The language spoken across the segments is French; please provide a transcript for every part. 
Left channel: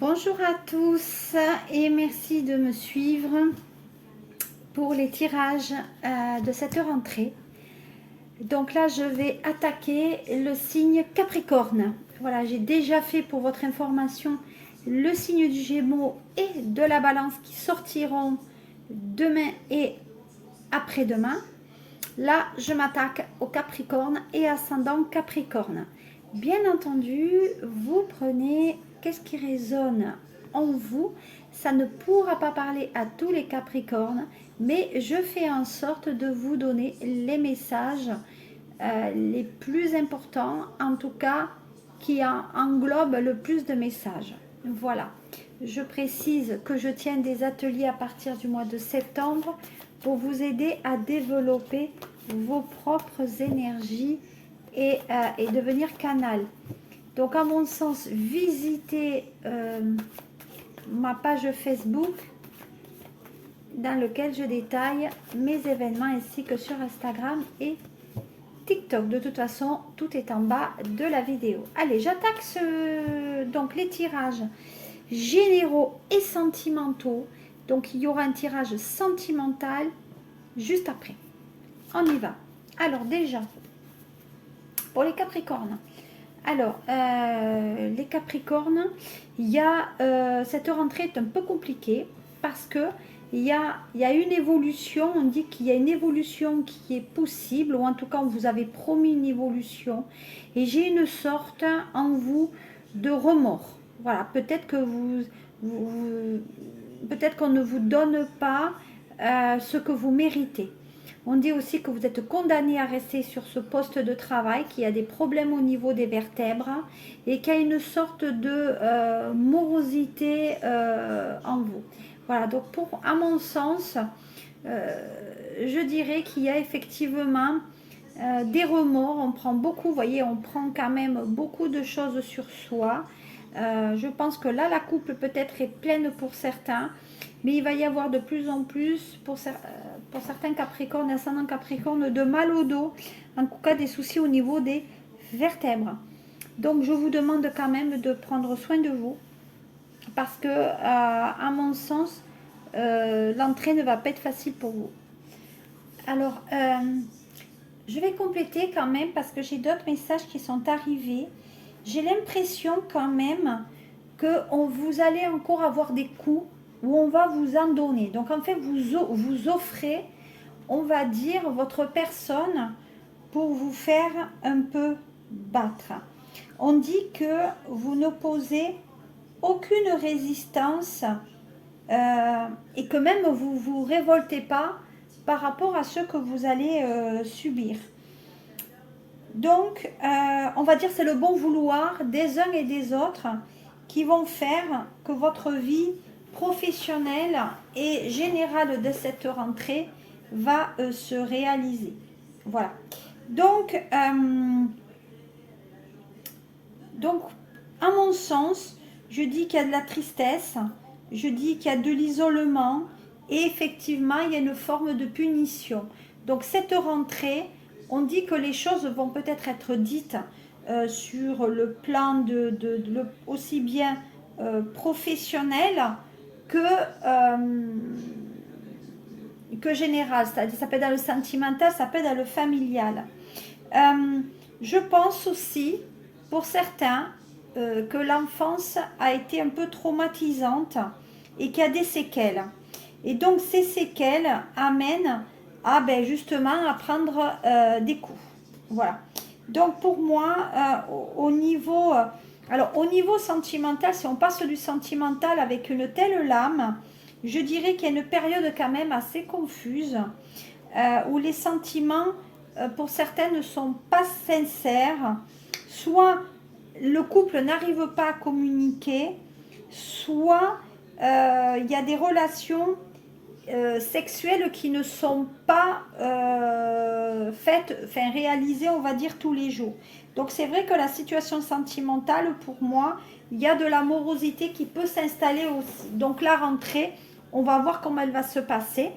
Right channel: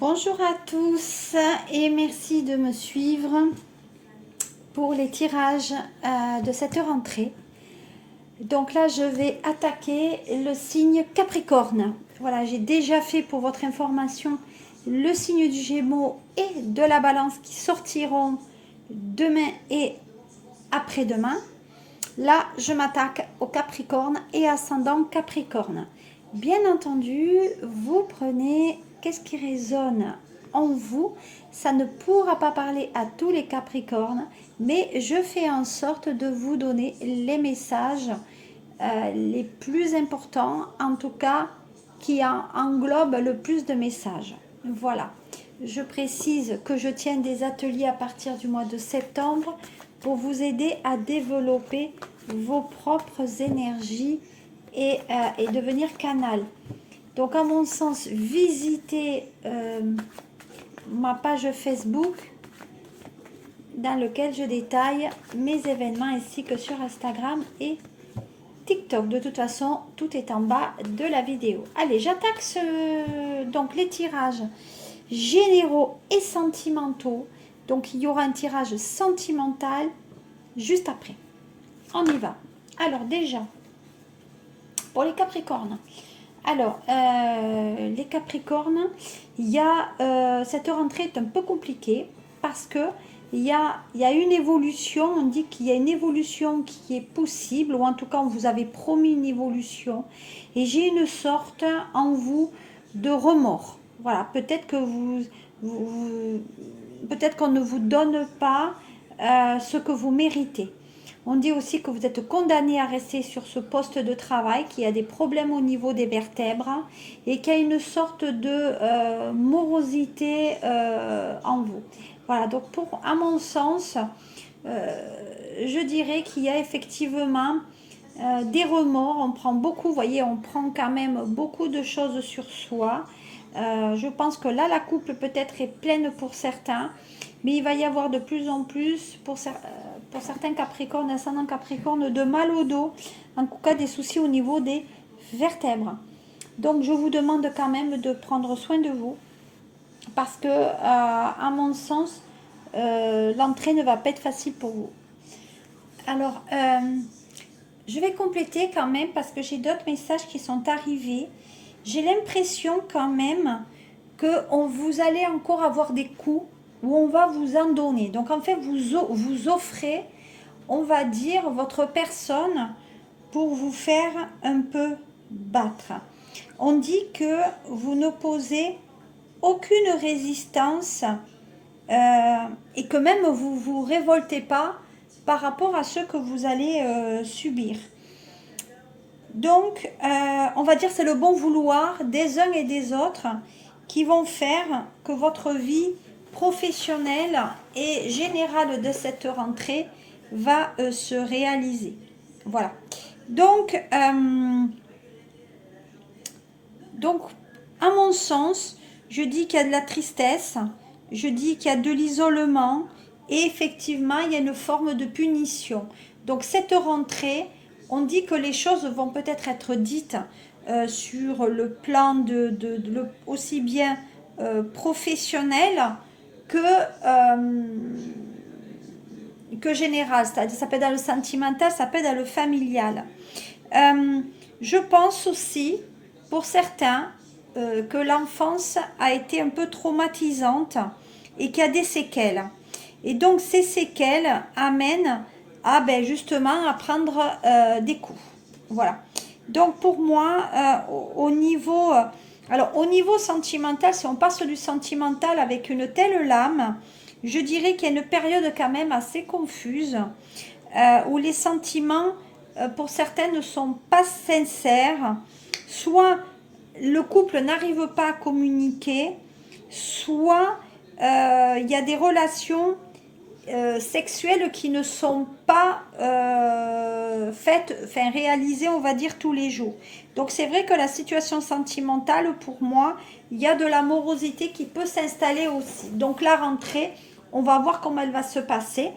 Bonjour à tous et merci de me suivre pour les tirages de cette rentrée. Donc là, je vais attaquer le signe Capricorne. Voilà, j'ai déjà fait pour votre information le signe du Gémeaux et de la Balance qui sortiront demain et après-demain. Là, je m'attaque au Capricorne et ascendant Capricorne. Bien entendu, vous prenez qu'est-ce qui résonne en vous. Ça ne pourra pas parler à tous les Capricornes, mais je fais en sorte de vous donner les messages les plus importants, en tout cas qui englobent le plus de messages. Voilà. Je précise que je tiens des ateliers à partir du mois de septembre pour vous aider à développer vos propres énergies et devenir canal. Donc, à mon sens, visitez ma page Facebook dans laquelle je détaille mes événements ainsi que sur Instagram et TikTok. De toute façon, tout est en bas de la vidéo. Allez, j'attaque donc les tirages généraux et sentimentaux. Donc, il y aura un tirage sentimental juste après. On y va. Alors, déjà, pour les Capricornes. Alors, les Capricornes, il y a cette rentrée est un peu compliquée parce que il y a une évolution. On dit qu'il y a une évolution qui est possible, ou en tout cas, on vous avait promis une évolution. Et j'ai une sorte en vous de remords. Voilà, peut-être que peut-être qu'on ne vous donne pas ce que vous méritez. On dit aussi que vous êtes condamné à rester sur ce poste de travail, qu'il y a des problèmes au niveau des vertèbres et qu'il y a une sorte de morosité en vous. Voilà, donc à mon sens, je dirais qu'il y a effectivement des remords. On prend beaucoup, vous voyez, on prend quand même beaucoup de choses sur soi. Je pense que là, la coupe peut-être est pleine pour certains, mais il va y avoir de plus en plus pour certains Capricornes, ascendant Capricorne, de mal au dos, en tout cas des soucis au niveau des vertèbres. Donc je vous demande quand même de prendre soin de vous, parce que à mon sens, l'entrée ne va pas être facile pour vous. Alors, je vais compléter quand même, parce que j'ai d'autres messages qui sont arrivés. J'ai l'impression quand même que vous allez encore avoir des coups où on va vous en donner. Donc en fait, vous offrez, on va dire, votre personne pour vous faire un peu battre. On dit que vous n'opposez aucune résistance et que même vous vous révoltez pas par rapport à ce que vous allez subir. Donc, on va dire c'est le bon vouloir des uns et des autres qui vont faire que votre vie professionnelle et générale de cette rentrée va se réaliser. Voilà. Donc, à mon sens, je dis qu'il y a de la tristesse, je dis qu'il y a de l'isolement et effectivement, il y a une forme de punition. Donc, cette rentrée, on dit que les choses vont peut-être être dites sur le plan aussi bien professionnel que général. C'est-à-dire, ça peut être dans le sentimental, ça peut être dans le familial. Je pense aussi, pour certains, que l'enfance a été un peu traumatisante et qu'il y a des séquelles. Et donc, ces séquelles amènent à justement à prendre des coups. Voilà. Donc, pour moi, au niveau sentimental, si on passe du sentimental avec une telle lame, je dirais qu'il y a une période quand même assez confuse où les sentiments, pour certains, ne sont pas sincères. Soit le couple n'arrive pas à communiquer, soit il y a des relations sexuelles qui ne sont pas réalisées, on va dire, tous les jours. Donc c'est vrai que la situation sentimentale, pour moi, il y a de la morosité qui peut s'installer aussi. Donc la rentrée, on va voir comment elle va se passer.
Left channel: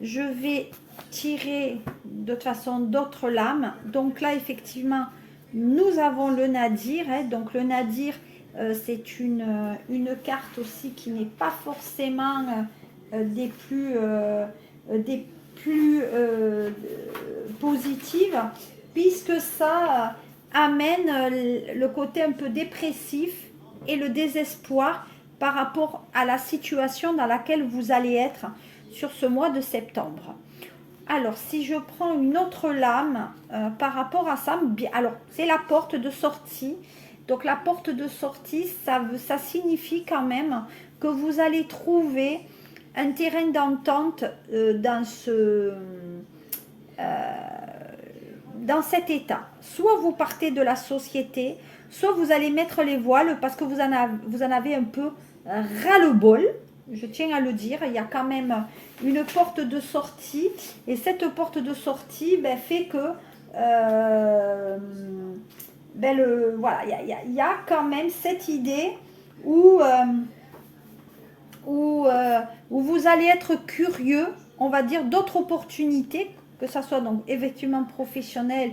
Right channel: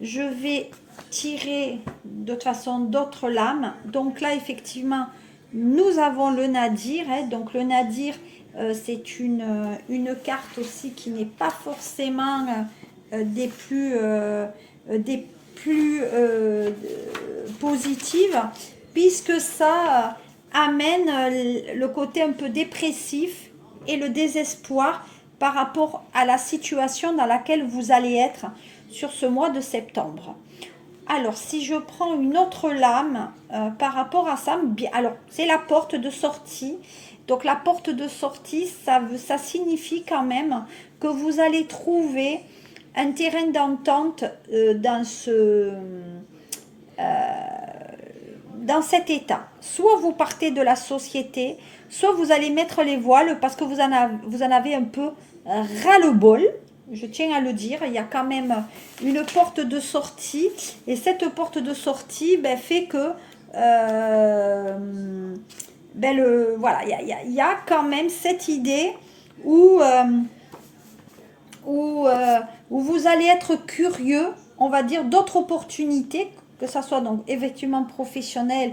Je vais tirer de toute façon d'autres lames. Donc là, effectivement, nous avons le nadir. Donc le nadir c'est une carte aussi qui n'est pas forcément des plus positives, puisque ça amène le côté un peu dépressif et le désespoir par rapport à la situation dans laquelle vous allez être sur ce mois de septembre. Alors, si je prends une autre lame par rapport à ça, alors c'est la porte de sortie. Donc, la porte de sortie, ça signifie quand même que vous allez trouver un terrain d'entente dans cet état. Soit vous partez de la société, soit vous allez mettre les voiles parce que vous en avez un peu ras-le-bol. Je tiens à le dire, il y a quand même une porte de sortie, et cette porte de sortie fait que voilà, il y a quand même cette idée où vous allez être curieux, on va dire, d'autres opportunités, que ce soit donc effectivement professionnel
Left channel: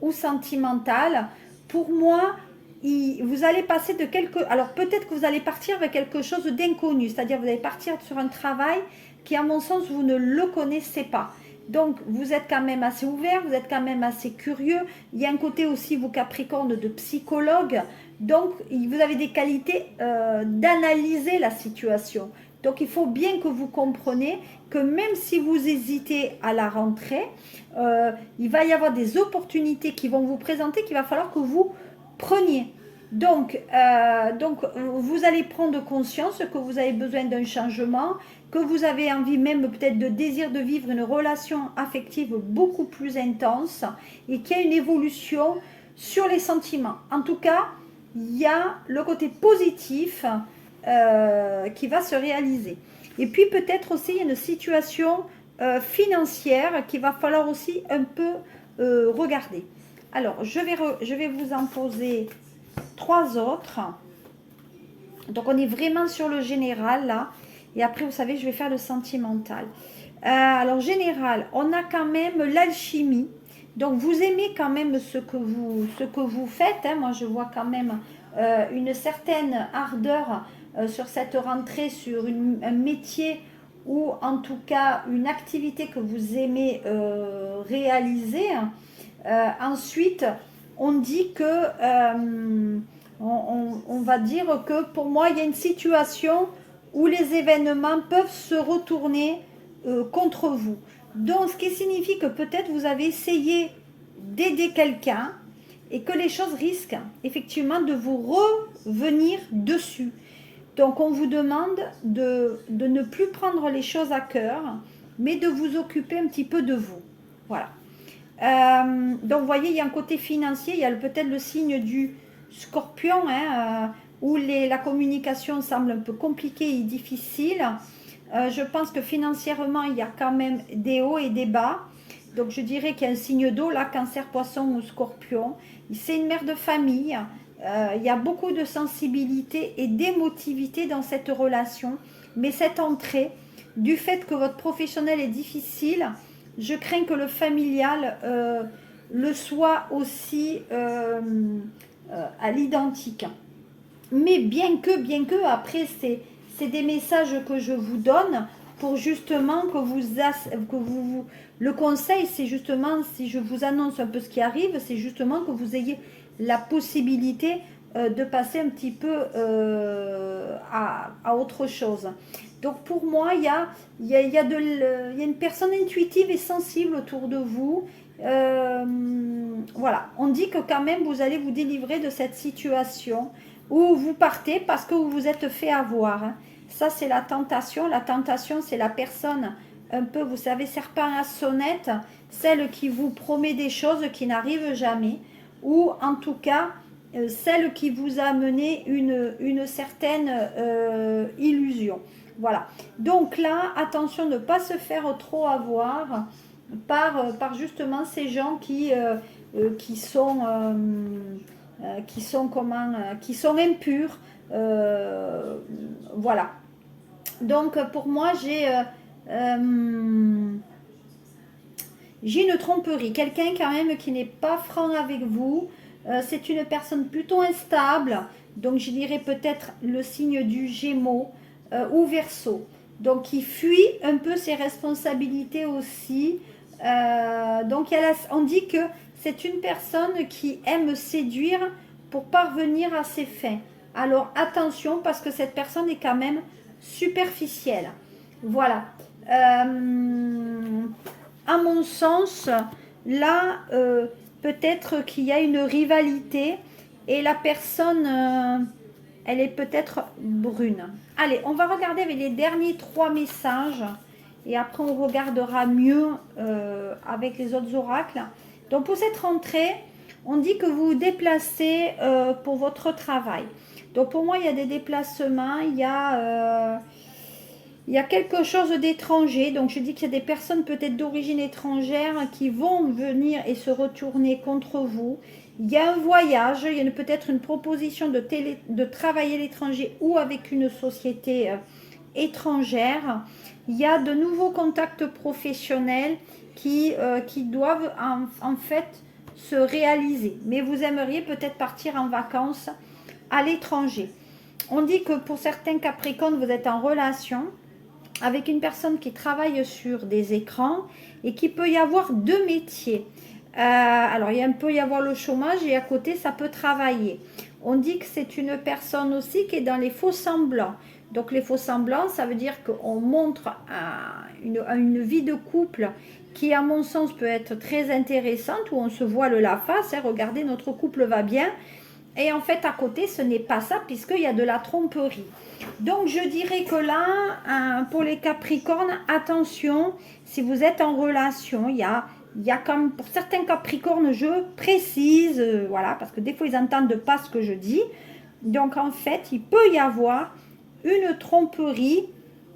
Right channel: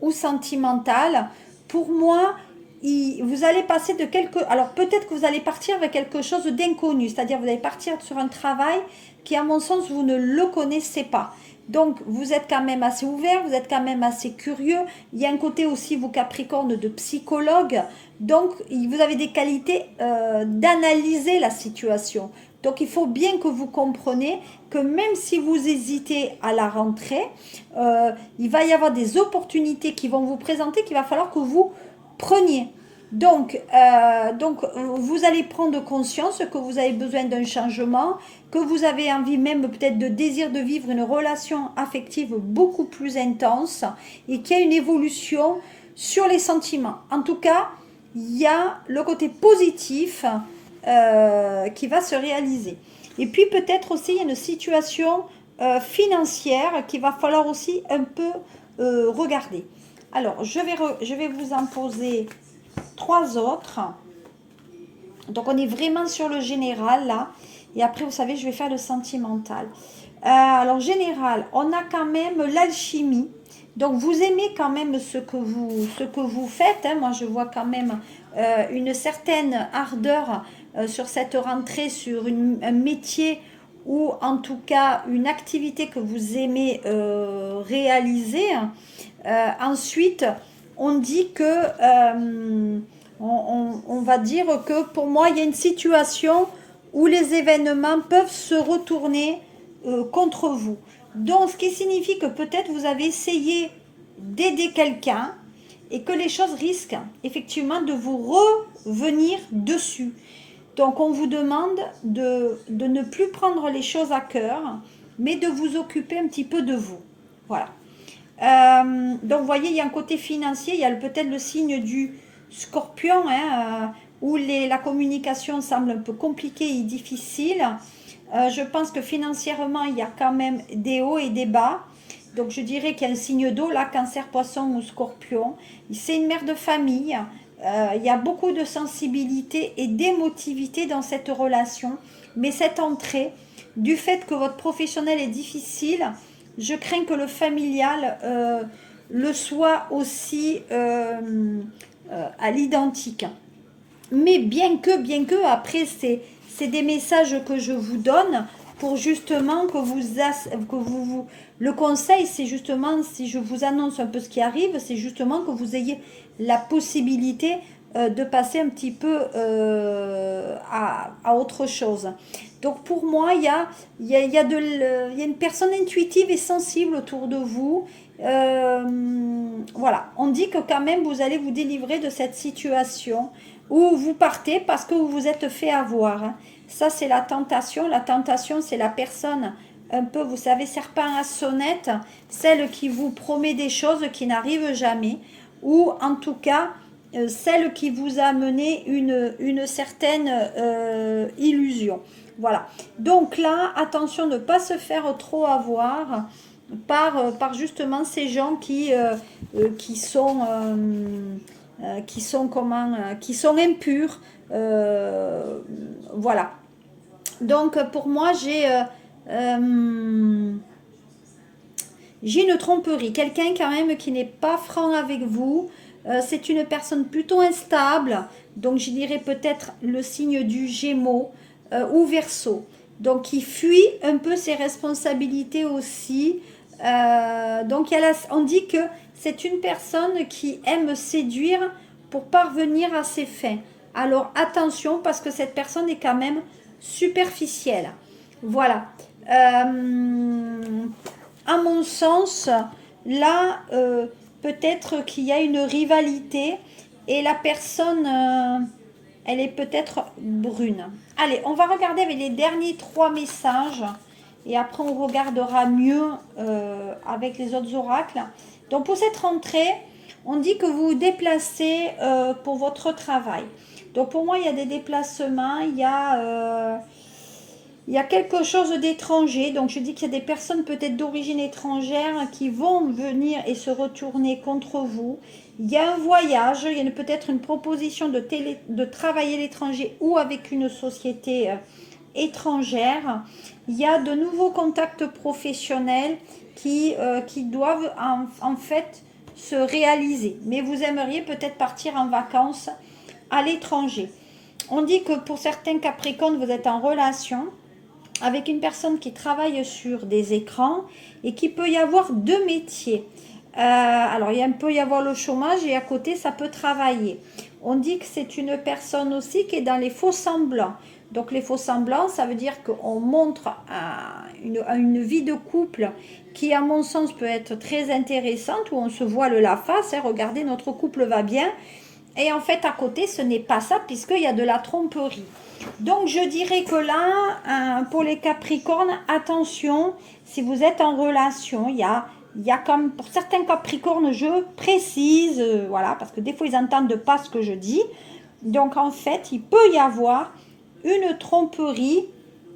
ou sentimental. Pour moi, vous allez passer de alors peut-être que vous allez partir avec quelque chose d'inconnu, c'est-à-dire vous allez partir sur un travail qui, à mon sens, vous ne le connaissez pas. Donc, vous êtes quand même assez ouvert, vous êtes quand même assez curieux. Il y a un côté aussi, vous Capricorne, de psychologue. Donc, vous avez des qualités d'analyser la situation. Donc, il faut bien que vous compreniez que même si vous hésitez à la rentrée, il va y avoir des opportunités qui vont vous présenter, qu'il va falloir que vous preniez. Donc, vous allez prendre conscience que vous avez besoin d'un changement, que vous avez envie même peut-être de désir de vivre une relation affective beaucoup plus intense et qu'il y a une évolution sur les sentiments. En tout cas, il y a le côté positif qui va se réaliser. Et puis peut-être aussi il y a une situation financière qu'il va falloir aussi un peu regarder. Alors, je vais vous en poser 3 autres. Donc, on est vraiment sur le général, là. Et après, vous savez, je vais faire le sentimental. Alors, général, on a quand même l'alchimie. Donc, vous aimez quand même ce que vous faites. Hein. Moi, je vois quand même une certaine ardeur sur cette rentrée, sur un métier ou en tout cas une activité que vous aimez réaliser. Ensuite, on dit que, on va dire que pour moi, il y a une situation où les événements peuvent se retourner contre vous. Donc, ce qui signifie que peut-être vous avez essayé d'aider quelqu'un et que les choses risquent effectivement de vous revenir dessus. Donc, on vous demande de ne plus prendre les choses à cœur, mais de vous occuper un petit peu de vous. Voilà. Donc, vous voyez, il y a un côté financier, il y a peut-être le signe du Scorpion, hein, où la communication semble un peu compliquée et difficile. Je pense que financièrement, il y a quand même des hauts et des bas. Donc, je dirais qu'il y a un signe d'eau, là, Cancer, Poisson ou Scorpion. C'est une mère de famille. Il y a beaucoup de sensibilité et d'émotivité dans cette relation. Mais cette entrée, du fait que votre professionnel est difficile, je crains que le familial le soit aussi à l'identique. Mais bien que après, c'est des messages que je vous donne pour justement que vous le conseil, c'est justement, si je vous annonce un peu ce qui arrive, c'est justement que vous ayez la possibilité de passer un petit peu à autre chose. Donc pour moi, il y a une personne intuitive et sensible autour de vous. Voilà, on dit que quand même vous allez vous délivrer de cette situation où vous partez parce que vous vous êtes fait avoir. Hein. Ça, c'est la tentation. La tentation, c'est la personne un peu, vous savez, serpent à sonnette, celle qui vous promet des choses qui n'arrivent jamais, ou en tout cas, celle qui vous a mené une certaine illusion. Voilà. Donc là, attention de ne pas se faire trop avoir par justement ces gens qui sont qui sont impurs. Voilà. Donc pour moi, j'ai une tromperie. Quelqu'un quand même qui n'est pas franc avec vous, C'est une personne plutôt instable, donc je dirais peut-être le signe du Gémeaux ou Verseau. Donc il fuit un peu ses responsabilités aussi. Donc on dit que c'est une personne qui aime séduire pour parvenir à ses fins. Alors attention parce que cette personne est quand même superficielle. Voilà. À mon sens, là, peut-être qu'il y a une rivalité et la personne, elle est peut-être brune. Allez, on va regarder avec les derniers 3 messages et après on regardera mieux avec les autres oracles. Donc pour cette rentrée, on dit que vous vous déplacez pour votre travail. Donc pour moi, il y a des déplacements, il y a quelque chose d'étranger, donc je dis qu'il y a des personnes peut-être d'origine étrangère qui vont venir et se retourner contre vous. Il y a un voyage, il y a peut-être une proposition de travailler à l'étranger ou avec une société étrangère. Il y a de nouveaux contacts professionnels qui doivent en fait se réaliser. Mais vous aimeriez peut-être partir en vacances à l'étranger. On dit que pour certains Capricornes, vous êtes en relation avec une personne qui travaille sur des écrans et qui peut y avoir 2 métiers. Alors, il peut y avoir le chômage et à côté, ça peut travailler. On dit que c'est une personne aussi qui est dans les faux semblants. Donc, les faux semblants, ça veut dire qu'on montre une vie de couple qui, à mon sens, peut être très intéressante, où on se voile la face. Hein, regardez, notre couple va bien. Et en fait, à côté, ce n'est pas ça, puisqu'il y a de la tromperie. Donc, je dirais que là, pour les Capricornes, attention, si vous êtes en relation, il y a comme, pour certains Capricornes, je précise, voilà, parce que des fois, ils n'entendent pas ce que je dis. Donc, en fait, il peut y avoir une tromperie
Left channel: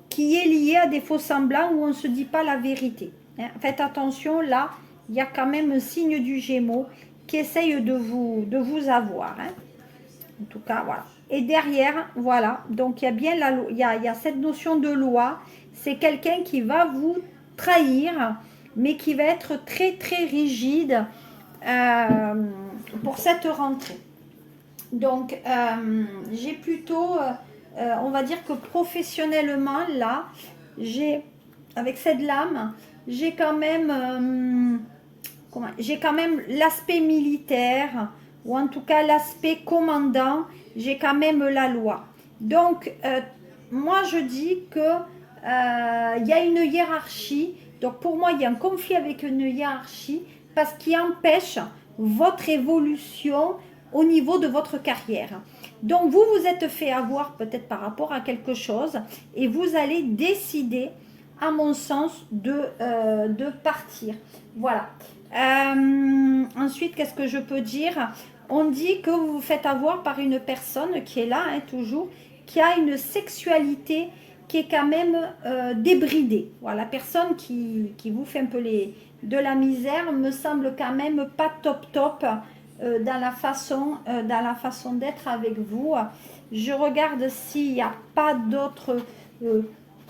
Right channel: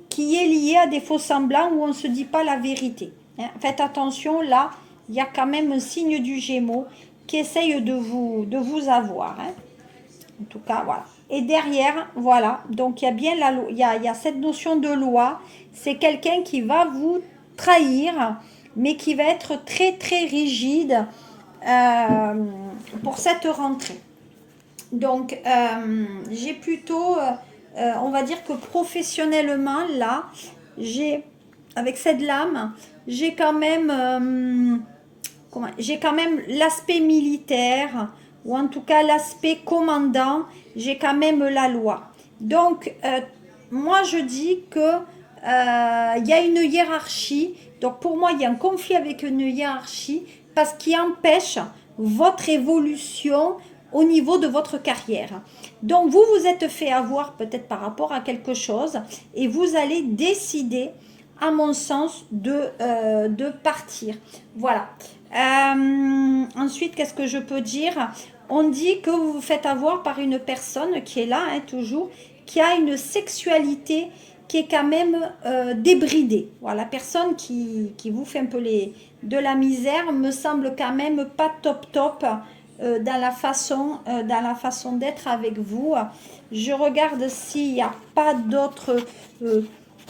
qui est liée à des faux semblants où on ne se dit pas la vérité. Hein. Faites attention, là, il y a quand même un signe du Gémeaux qui essaye de vous avoir. Hein. En tout cas, voilà. Et derrière, voilà, donc il y a bien il y a cette notion de loi. C'est quelqu'un qui va vous trahir, mais qui va être très, très rigide pour cette rentrée. Donc, j'ai plutôt, on va dire que professionnellement, là, avec cette lame, j'ai quand même l'aspect militaire, ou en tout cas l'aspect commandant, j'ai quand même la loi. Donc, moi je dis que il y a une hiérarchie. Donc pour moi, il y a un conflit avec une hiérarchie parce qu'il empêche votre évolution au niveau de votre carrière. Donc vous vous êtes fait avoir peut-être par rapport à quelque chose et vous allez décider, à mon sens, de partir. Voilà. Ensuite, qu'est-ce que je peux dire? On dit que vous vous faites avoir par une personne qui est là, hein, toujours, qui a une sexualité qui est quand même débridée. Voilà, la personne qui vous fait un peu de la misère me semble quand même pas top dans la façon d'être avec vous. Je regarde s'il n'y a pas d'autres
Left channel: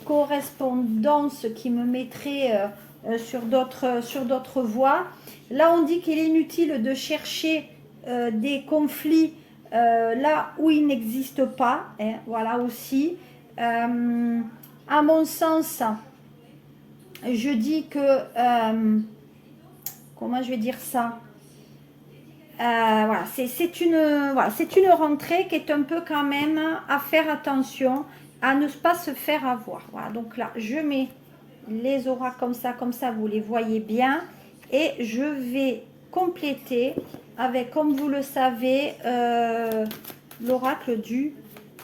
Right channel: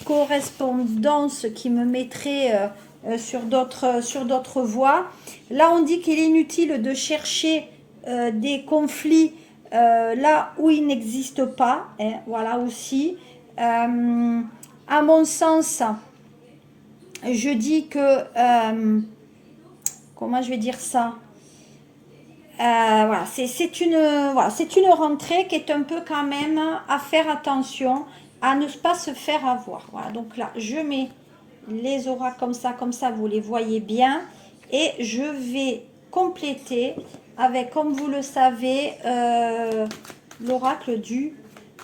correspondances qui me mettraient sur d'autres voies. Là, on dit qu'il est inutile de chercher des conflits là où il n'existe pas. Hein, voilà aussi. À mon sens, je dis que... comment je vais dire ça? Voilà, c'est une rentrée qui est un peu quand même à faire attention, à ne pas se faire avoir. Voilà, donc là, je mets les oracles comme ça, vous les voyez bien. Et je vais compléter avec, comme vous le savez, l'oracle du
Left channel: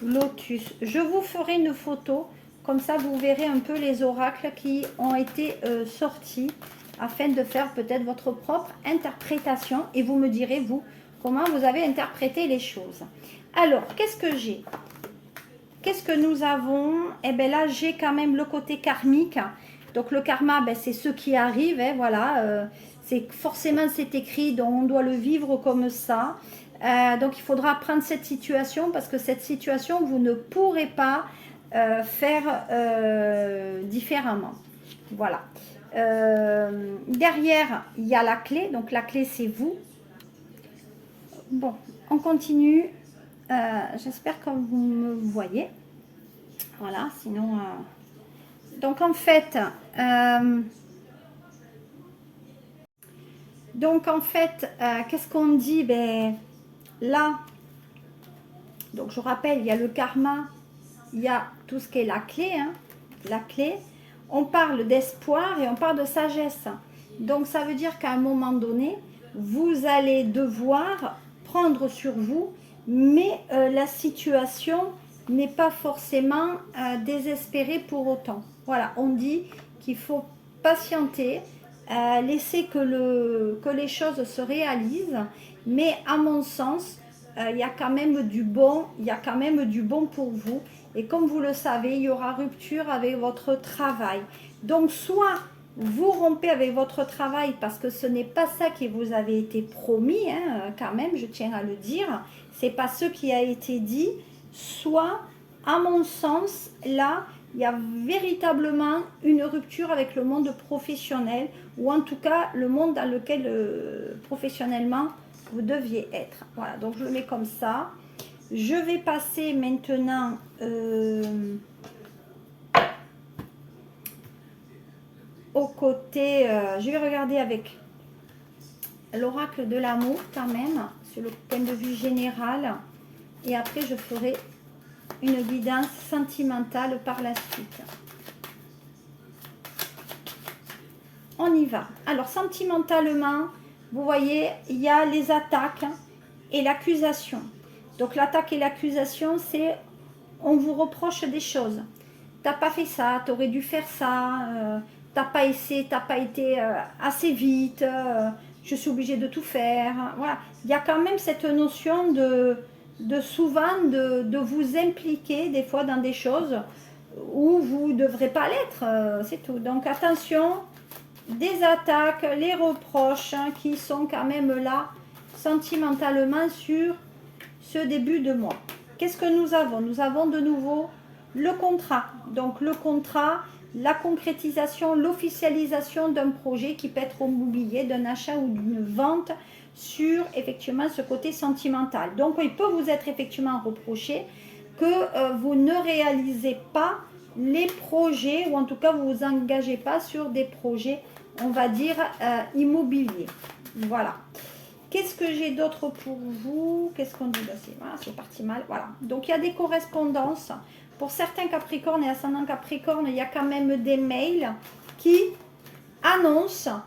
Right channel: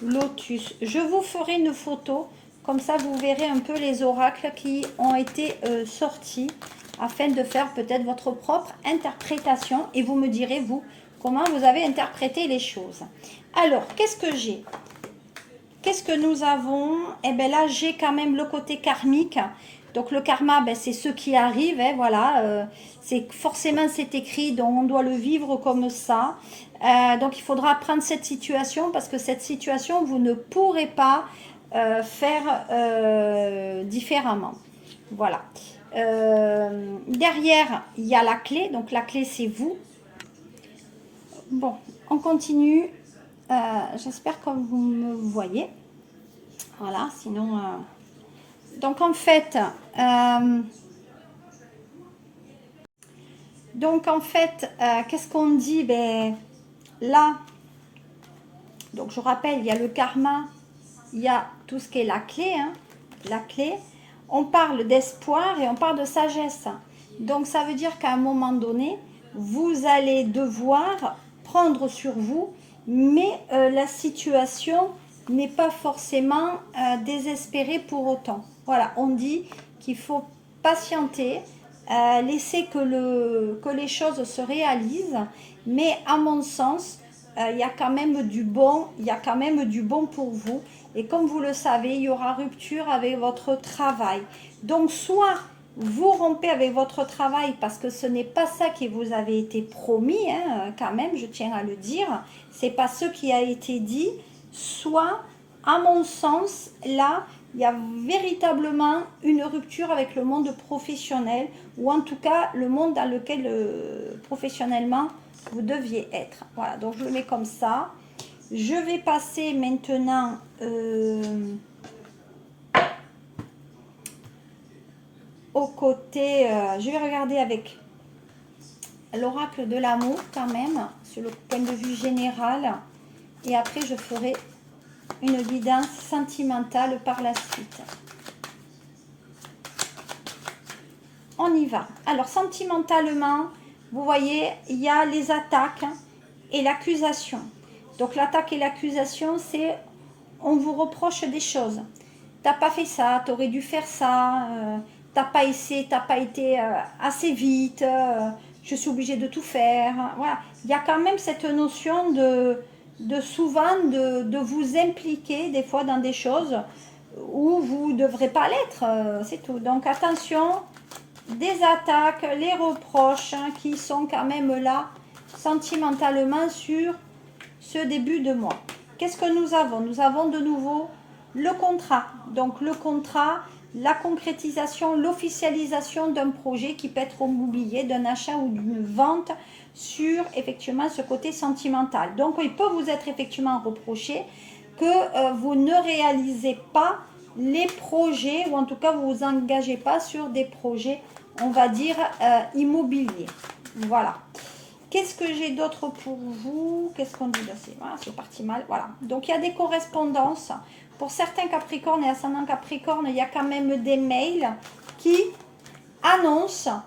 lotus. Je vous ferai une photo, comme ça vous verrez un peu les oracles qui ont été sortis, afin de faire peut-être votre propre interprétation. Et vous me direz, vous, comment vous avez interprété les choses. Alors, qu'est-ce que j'ai? Qu'est-ce que nous avons? Eh bien là, j'ai quand même le côté karmique. Donc le karma, ben, c'est ce qui arrive, hein, voilà. Forcément, c'est écrit, donc on doit le vivre comme ça. Donc il faudra prendre cette situation, parce que cette situation, vous ne pourrez pas faire différemment. Voilà. Derrière, il y a la clé. Donc la clé, c'est vous. Bon, on continue. J'espère que vous me voyez. Voilà, sinon... Donc en fait, qu'est-ce qu'on dit? Ben, là, donc je rappelle, il y a le karma, il y a tout ce qui est la clé, hein, la clé. On parle d'espoir et on parle de sagesse. Donc ça veut dire qu'à un moment donné, vous allez devoir prendre sur vous, mais la situation n'est pas forcément désespérée pour autant. Voilà, on dit qu'il faut patienter, laisser que les choses se réalisent, mais à mon sens, il y a quand même du bon, il y a quand même du bon pour vous. Et comme vous le savez, il y aura rupture avec votre travail. Donc, soit vous rompez avec votre travail parce que ce n'est pas ça qui vous avait été promis, hein, quand même, je tiens à le dire. C'est pas ce qui a été dit. Soit, à mon sens, là, il y a véritablement une rupture avec le monde professionnel, ou en tout cas le monde dans lequel professionnellement vous deviez être. Voilà, donc je le mets comme ça. Je vais passer maintenant au côté, je vais regarder avec l'oracle de l'amour quand même, sur le point de vue général, et après je ferai une guidance sentimentale par la suite. On y va. Alors sentimentalement, vous voyez, il y a les attaques et l'accusation. Donc l'attaque et l'accusation, c'est on vous reproche des choses. T'as pas fait ça, tu aurais dû faire ça, t'as pas essayé, t'as pas été assez vite, je suis obligée de tout faire. Voilà. Il y a quand même cette notion de souvent de vous impliquer des fois dans des choses où vous ne devrez pas l'être, c'est tout. Donc attention, des attaques, les reproches hein, qui sont quand même là sentimentalement sur ce début de mois. Qu'est-ce que nous avons? Nous avons de nouveau le contrat. Donc le contrat, la concrétisation, l'officialisation d'un projet qui peut être immobilier, d'un achat ou d'une vente sur effectivement ce côté sentimental. Donc il peut vous être effectivement reproché que vous ne réalisez pas les projets, ou en tout cas vous vous engagez pas sur des projets, on va dire, immobiliers. Voilà. Qu'est-ce que j'ai d'autre pour vous? Qu'est-ce qu'on dit? Voilà, c'est parti mal. Voilà. Donc, il y a des correspondances. Pour certains Capricornes et ascendants Capricorne, il y a quand même des mails qui annoncent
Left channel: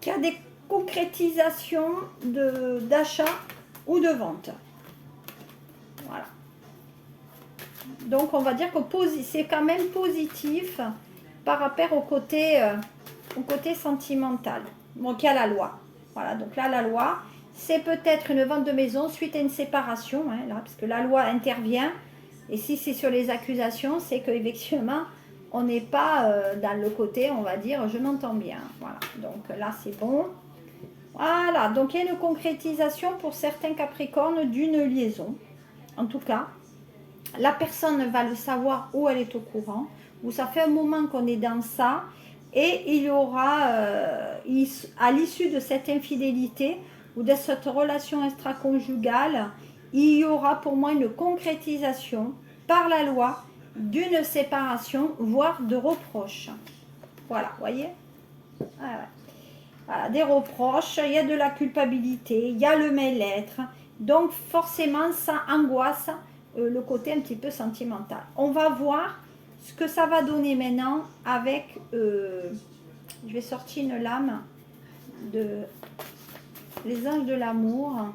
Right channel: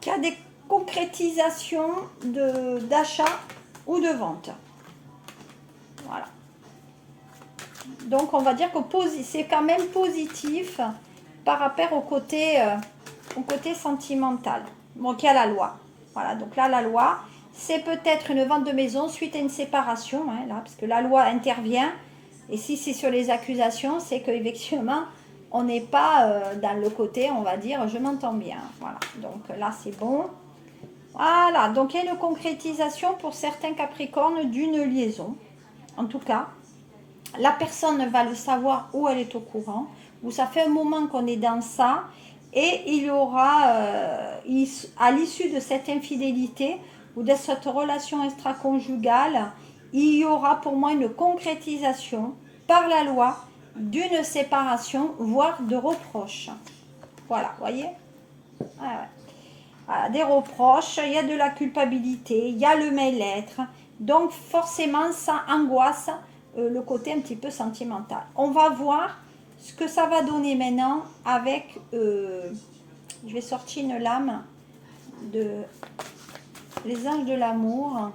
qu'il y a des concrétisations d'achat ou de vente. Voilà. Donc, on va dire que c'est quand même positif par rapport au côté sentimental. Donc, il y a la loi. Voilà, donc là, la loi, c'est peut-être une vente de maison suite à une séparation, hein, là, puisque la loi intervient. Et si c'est sur les accusations, c'est qu'effectivement, on n'est pas dans le côté, on va dire, je m'entends bien. Voilà, donc là, c'est bon. Voilà, donc il y a une concrétisation pour certains Capricornes d'une liaison. En tout cas, la personne va le savoir ou elle est au courant. Ou ça fait un moment qu'on est dans ça. Et il y aura, à l'issue de cette infidélité ou de cette relation extra-conjugale, il y aura pour moi une concrétisation par la loi d'une séparation, voire de reproches. Voilà, voyez, voilà, des reproches, il y a de la culpabilité, il y a le mal-être. Donc forcément, ça angoisse le côté un petit peu sentimental. On va voir ce que ça va donner maintenant avec, je vais sortir une lame de les anges de l'amour,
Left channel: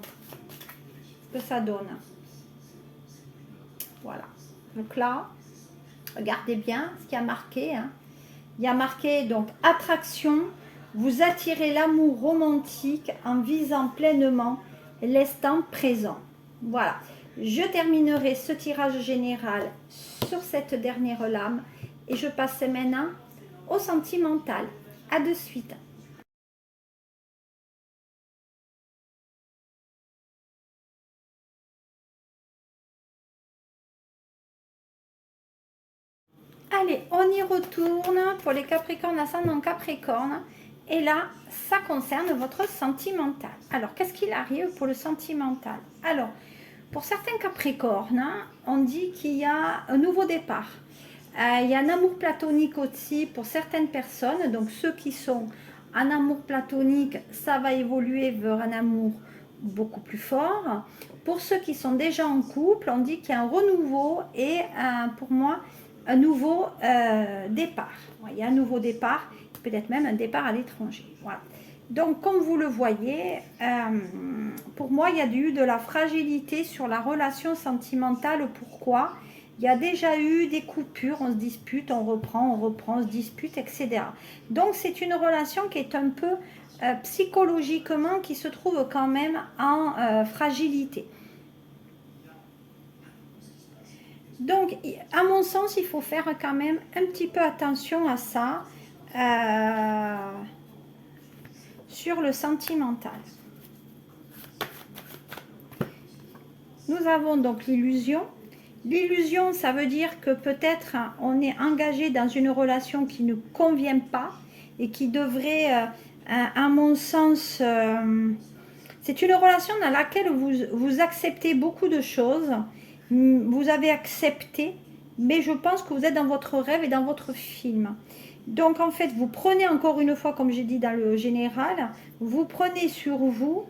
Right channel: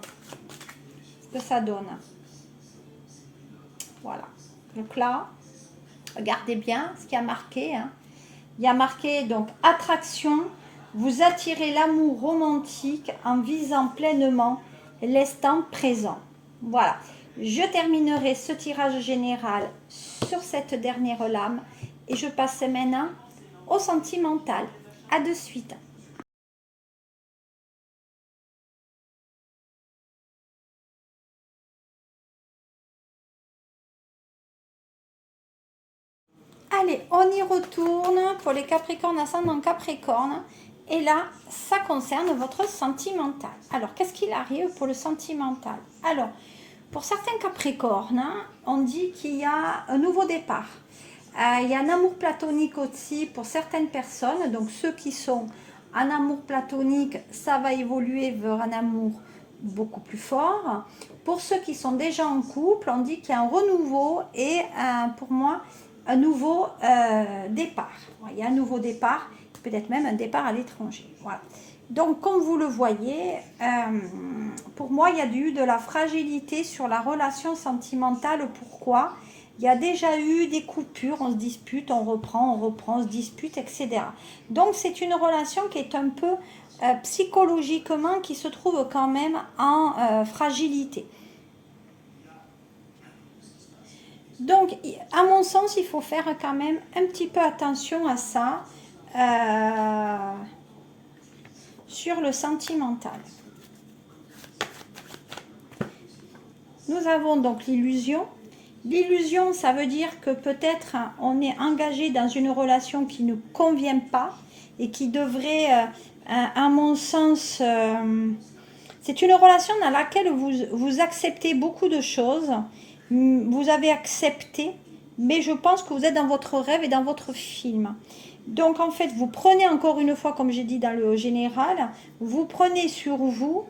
ce que ça donne. Voilà. Donc là, regardez bien ce qu'il y a marqué. Hein. Il y a marqué donc attraction, vous attirez l'amour romantique en visant pleinement l'instant présent. Voilà. Je terminerai ce tirage général sur cette dernière lame et je passe maintenant au sentimental. À de suite. Allez, on y retourne pour les Capricornes ascendant Capricorne. Et là, ça concerne votre sentimental. Alors, qu'est-ce qu'il arrive pour le sentimental? Alors, pour certains Capricornes, hein, on dit qu'il y a un nouveau départ. Il y a un amour platonique aussi pour certaines personnes. Donc, ceux qui sont en amour platonique, ça va évoluer vers un amour beaucoup plus fort. Pour ceux qui sont déjà en couple, on dit qu'il y a un renouveau et pour moi, un nouveau départ. Il y a un nouveau départ, peut-être même un départ à l'étranger. Voilà. Donc, comme vous le voyez, pour moi, il y a eu de la fragilité sur la relation sentimentale. Pourquoi? Il y a déjà eu des coupures, on se dispute, on reprend, on se dispute, etc. Donc, c'est une relation qui est un peu psychologiquement, qui se trouve quand même en fragilité. Donc, à mon sens, il faut faire quand même un petit peu attention à ça. Sur le sentimental. Nous avons donc l'illusion. L'illusion, ça veut dire que peut-être on est engagé dans une relation qui ne convient pas et qui devrait, à mon sens, c'est une relation dans laquelle vous acceptez beaucoup de choses. Vous avez accepté, mais je pense que vous êtes dans votre rêve et dans votre film. Donc, en fait, vous prenez encore une fois, comme j'ai dit dans le général, vous prenez sur vous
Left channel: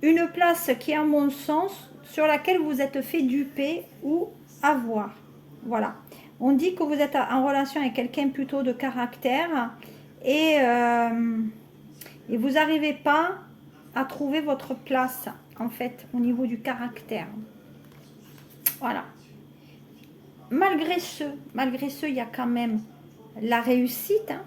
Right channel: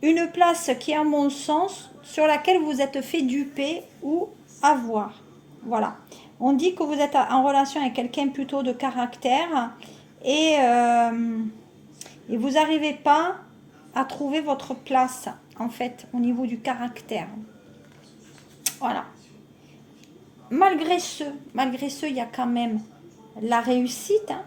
une place qui, à mon sens, sur laquelle vous êtes fait duper ou avoir. Voilà. On dit que vous êtes en relation avec quelqu'un plutôt de caractère et vous n'arrivez pas à trouver votre place, en fait, au niveau du caractère. Voilà. Malgré ce, il y a quand même la réussite, hein.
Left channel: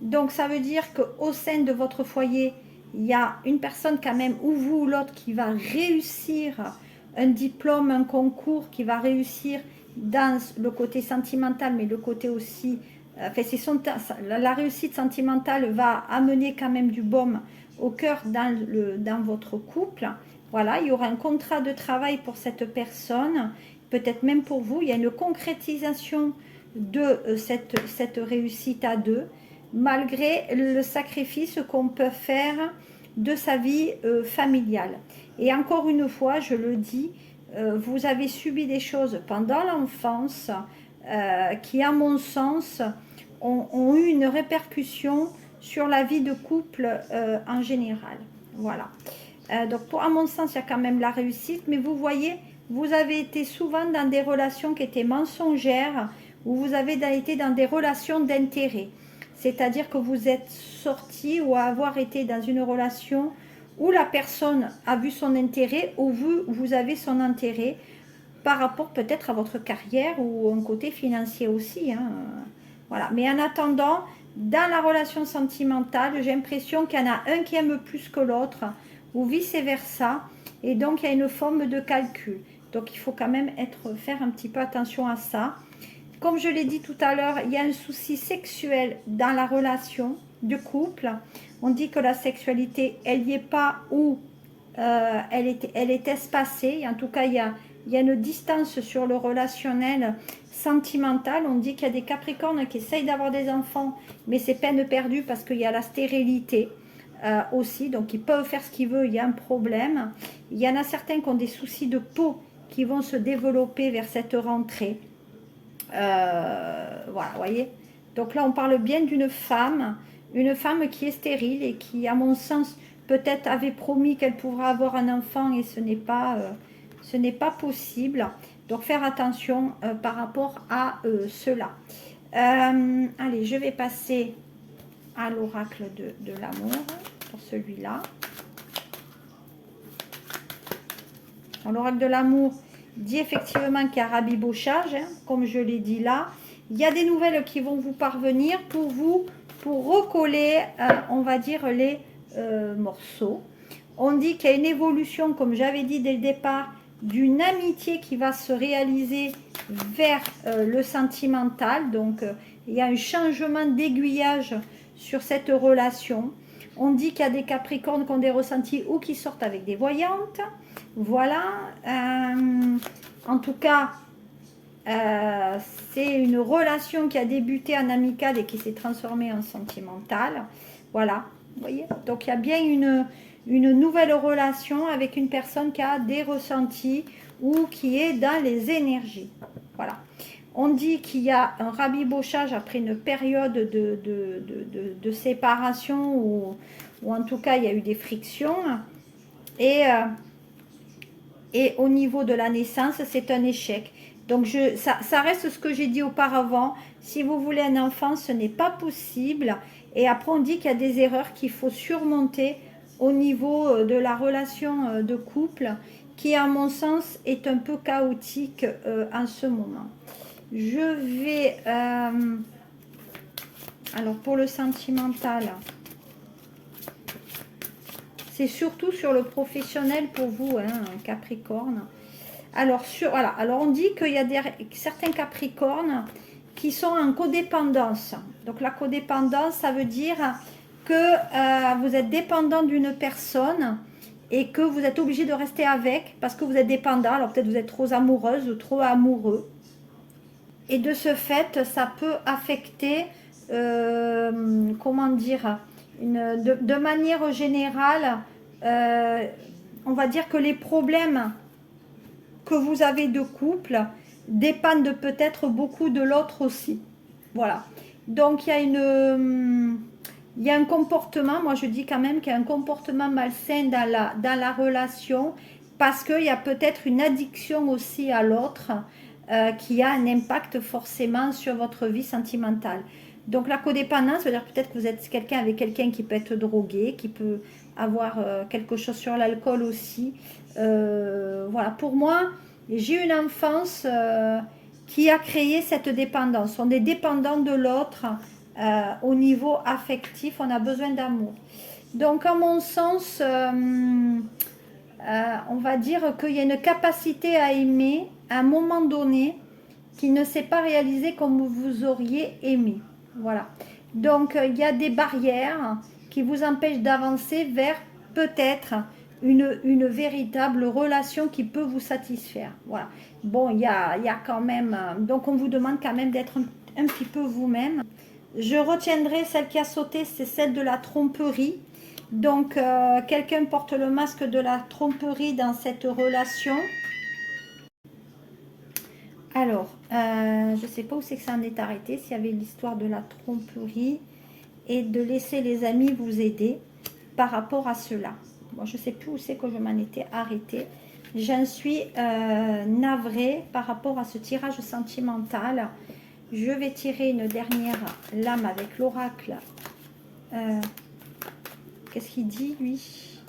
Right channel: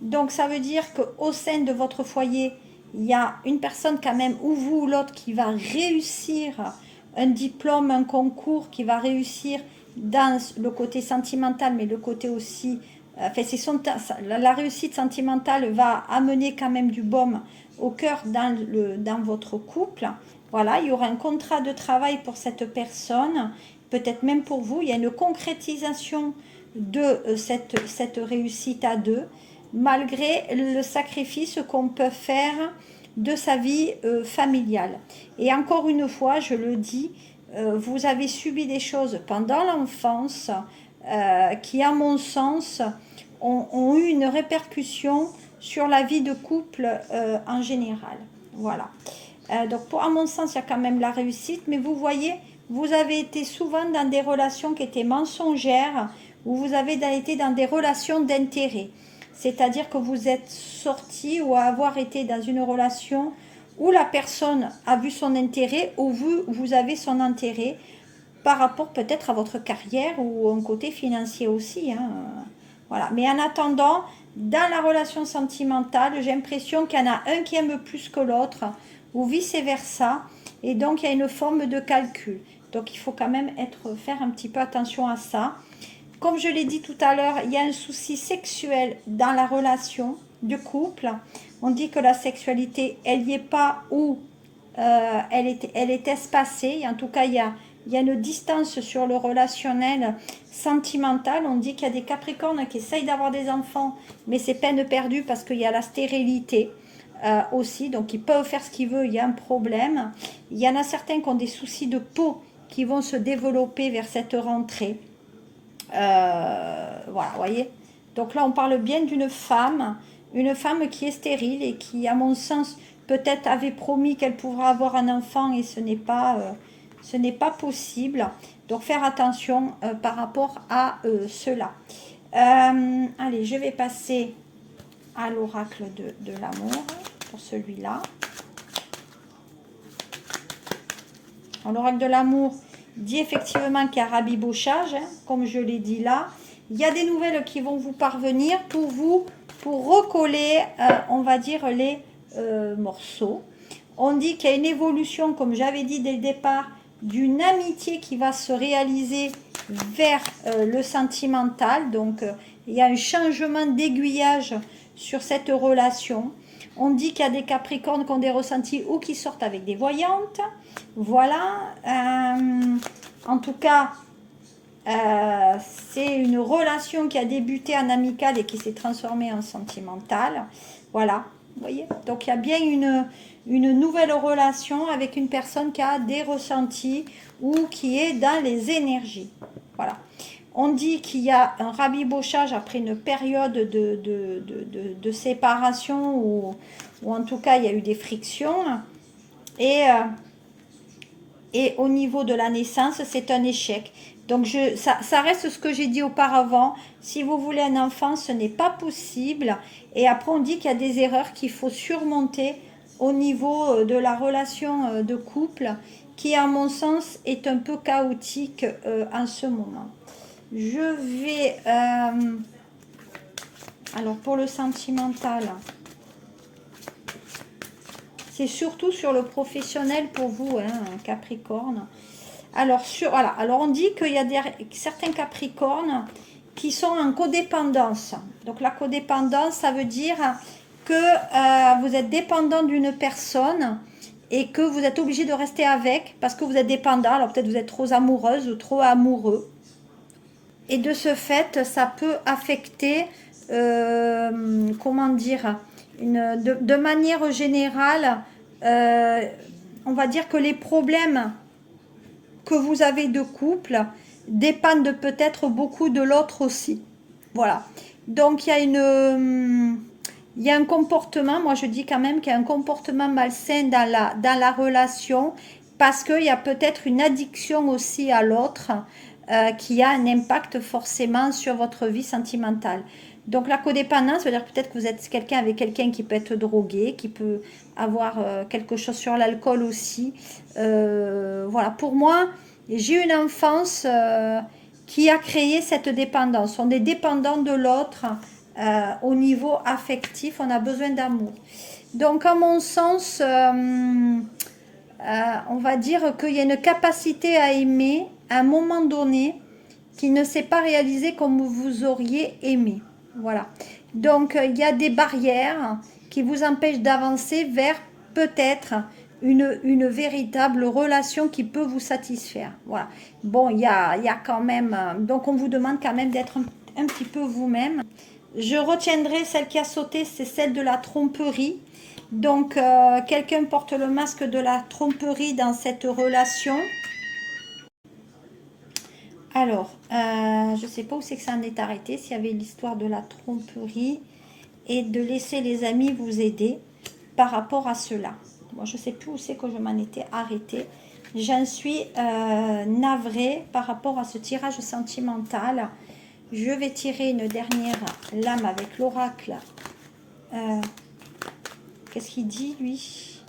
Donc ça veut dire qu'au sein de votre foyer, il y a une personne quand même, ou vous ou l'autre, qui va réussir un diplôme, un concours, qui va réussir dans le côté sentimental, mais le côté aussi, enfin, la réussite sentimentale va amener quand même du baume au cœur dans votre couple. Voilà, il y aura un contrat de travail pour cette personne, peut-être même pour vous. Il y a une concrétisation de cette réussite à deux, malgré le sacrifice qu'on peut faire de sa vie familiale. Et encore une fois, je le dis, vous avez subi des choses pendant l'enfance qui, à mon sens, ont eu une répercussion sur la vie de couple en général. Voilà. Donc, à mon sens, il y a quand même la réussite, mais vous voyez, vous avez été souvent dans des relations qui étaient mensongères, où vous avez été dans des relations d'intérêt. C'est-à-dire que vous êtes sorti ou avoir été dans une relation où la personne a vu son intérêt, ou vous avez son intérêt par rapport peut-être à votre carrière ou un côté financier aussi. Hein. Voilà. Mais en attendant, dans la relation sentimentale, j'ai l'impression qu'il y en a un qui aime plus que l'autre, ou vice-versa. Et donc, il y a une forme de calcul. Donc, il faut quand même faire un petit peu attention à ça. Comme je l'ai dit tout à l'heure, il y a un souci sexuel dans la relation du couple. On dit que la sexualité, elle n'y est pas, ou elle est espacée. En tout cas, il y a une distance sur le relationnel sentimental. On dit qu'il y a des Capricornes qui essayent d'avoir des enfants, mais c'est peine perdue parce qu'il y a la stérilité aussi. Donc, ils peuvent faire ce qu'ils veulent, il y a un problème. Il y en a certains qui ont des soucis de peau qui vont se développer vers cette rentrée. Voilà, voyez. Donc là, on parle bien d'une femme, une femme qui est stérile et qui, à mon sens, peut-être avait promis qu'elle pourrait avoir un enfant et ce n'est pas possible. Donc, faire attention par rapport à cela. Allez, je vais passer à l'oracle de l'amour pour celui-là. L'oracle de l'amour dit effectivement qu'il y a rabibochage, hein, comme je l'ai dit là. Il y a des nouvelles qui vont vous parvenir pour recoller, on va dire, les morceaux. On dit qu'il y a une évolution, comme j'avais dit dès le départ, d'une amitié qui va se réaliser vers le sentimental. Donc, il y a un changement d'aiguillage sur cette relation. On dit qu'il y a des Capricornes qui ont des ressentis ou qui sortent avec des voyantes. Voilà. En tout cas, c'est une relation qui a débuté en amical et qui s'est transformée en sentimentale. Voilà, vous voyez. Donc, il y a bien une nouvelle relation avec une personne qui a des ressentis ou qui est dans les énergies. Voilà. On dit qu'il y a un rabibochage après une période de séparation ou en tout cas, il y a eu des frictions. Et, et au niveau de la naissance, c'est un échec. Donc, ça reste ce que j'ai dit auparavant. Si vous voulez un enfant, ce n'est pas possible. Et après, on dit qu'il y a des erreurs qu'il faut surmonter au niveau de la relation de couple, qui, à mon sens, est un peu chaotique en ce moment. Je vais... alors, pour le sentimental, c'est surtout sur le professionnel pour vous, hein, Capricorne. Alors, voilà. Alors, on dit qu'il y a certains Capricornes qui sont en codépendance. Donc, la codépendance, ça veut dire que vous êtes dépendant d'une personne et que vous êtes obligé de rester avec parce que vous êtes dépendant. Alors, peut-être vous êtes trop amoureuse ou trop amoureux. Et de ce fait, ça peut affecter, comment dire, de manière générale, on va dire que les problèmes que vous avez de couple dépendent peut-être beaucoup de l'autre aussi. Voilà. Donc, il y a un comportement, moi je dis quand même qu'il y a un comportement malsain dans la relation parce qu'il y a peut-être une addiction aussi à l'autre qui a un impact forcément sur votre vie sentimentale. Donc la codépendance, veut dire peut-être que vous êtes quelqu'un avec quelqu'un qui peut être drogué, qui peut avoir quelque chose sur l'alcool aussi. Voilà, pour moi, j'ai eu une enfance qui a créé cette dépendance. On est dépendant de l'autre au niveau affectif, on a besoin d'amour. Donc à mon sens, on va dire qu'il y a une capacité à aimer à un moment donné qui ne s'est pas réalisée comme vous auriez aimé. Voilà. Donc, il y a des barrières qui vous empêchent d'avancer vers peut-être une véritable relation qui peut vous satisfaire. Voilà. Bon, il y a quand même... donc, on vous demande quand même d'être un petit peu vous-même. Je retiendrai celle qui a sauté, c'est celle de la tromperie. Donc, quelqu'un porte le masque de la tromperie dans cette relation. Alors, je ne sais pas où c'est que ça en est arrêté, s'il y avait l'histoire de la tromperie et de laisser les amis vous aider par rapport à cela. Bon, je ne sais plus où c'est que je m'en étais arrêtée. J'en suis navrée par rapport à ce tirage sentimental. Je vais tirer une dernière lame avec l'oracle. Qu'est-ce qu'il dit, lui?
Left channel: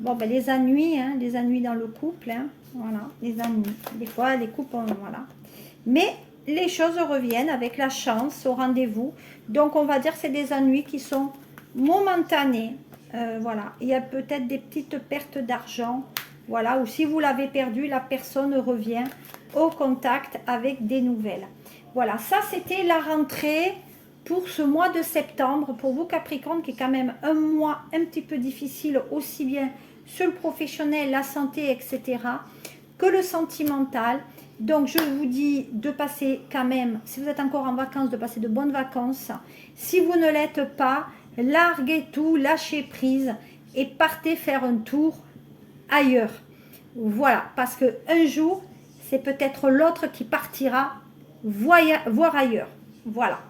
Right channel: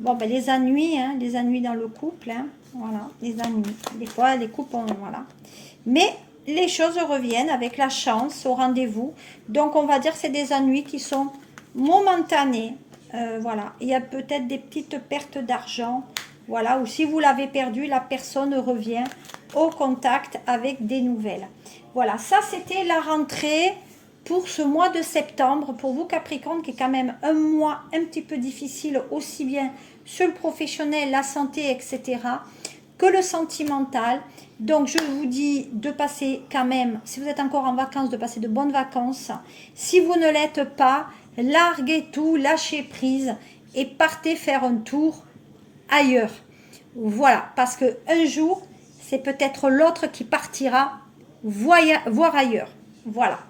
Bon, ben, les ennuis, hein, les ennuis dans le couple, hein, voilà, les ennuis. Des fois, les couples, voilà. Mais les choses reviennent avec la chance au rendez-vous. Donc, on va dire que c'est des ennuis qui sont momentanés. Voilà, il y a peut-être des petites pertes d'argent. Voilà, ou si vous l'avez perdu, la personne revient au contact avec des nouvelles. Voilà, ça, c'était la rentrée pour ce mois de septembre, pour vous Capricorne, qui est quand même un mois un petit peu difficile, aussi bien sur le professionnel, la santé, etc., que le sentimental. Donc, je vous dis de passer quand même, si vous êtes encore en vacances, de passer de bonnes vacances. Si vous ne l'êtes pas, larguez tout, lâchez prise et partez faire un tour ailleurs. Voilà, parce qu'un jour, c'est peut-être l'autre qui partira voir ailleurs. Voilà.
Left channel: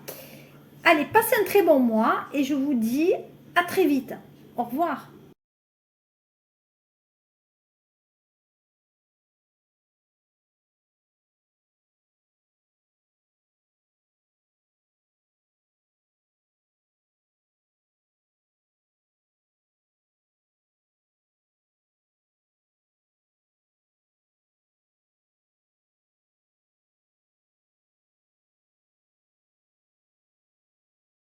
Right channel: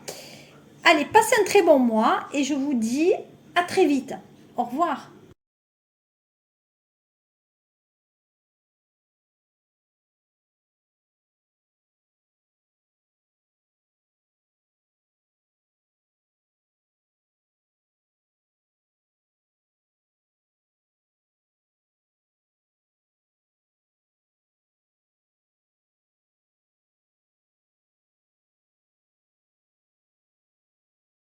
Allez, passez un très bon mois et je vous dis à très vite. Au revoir.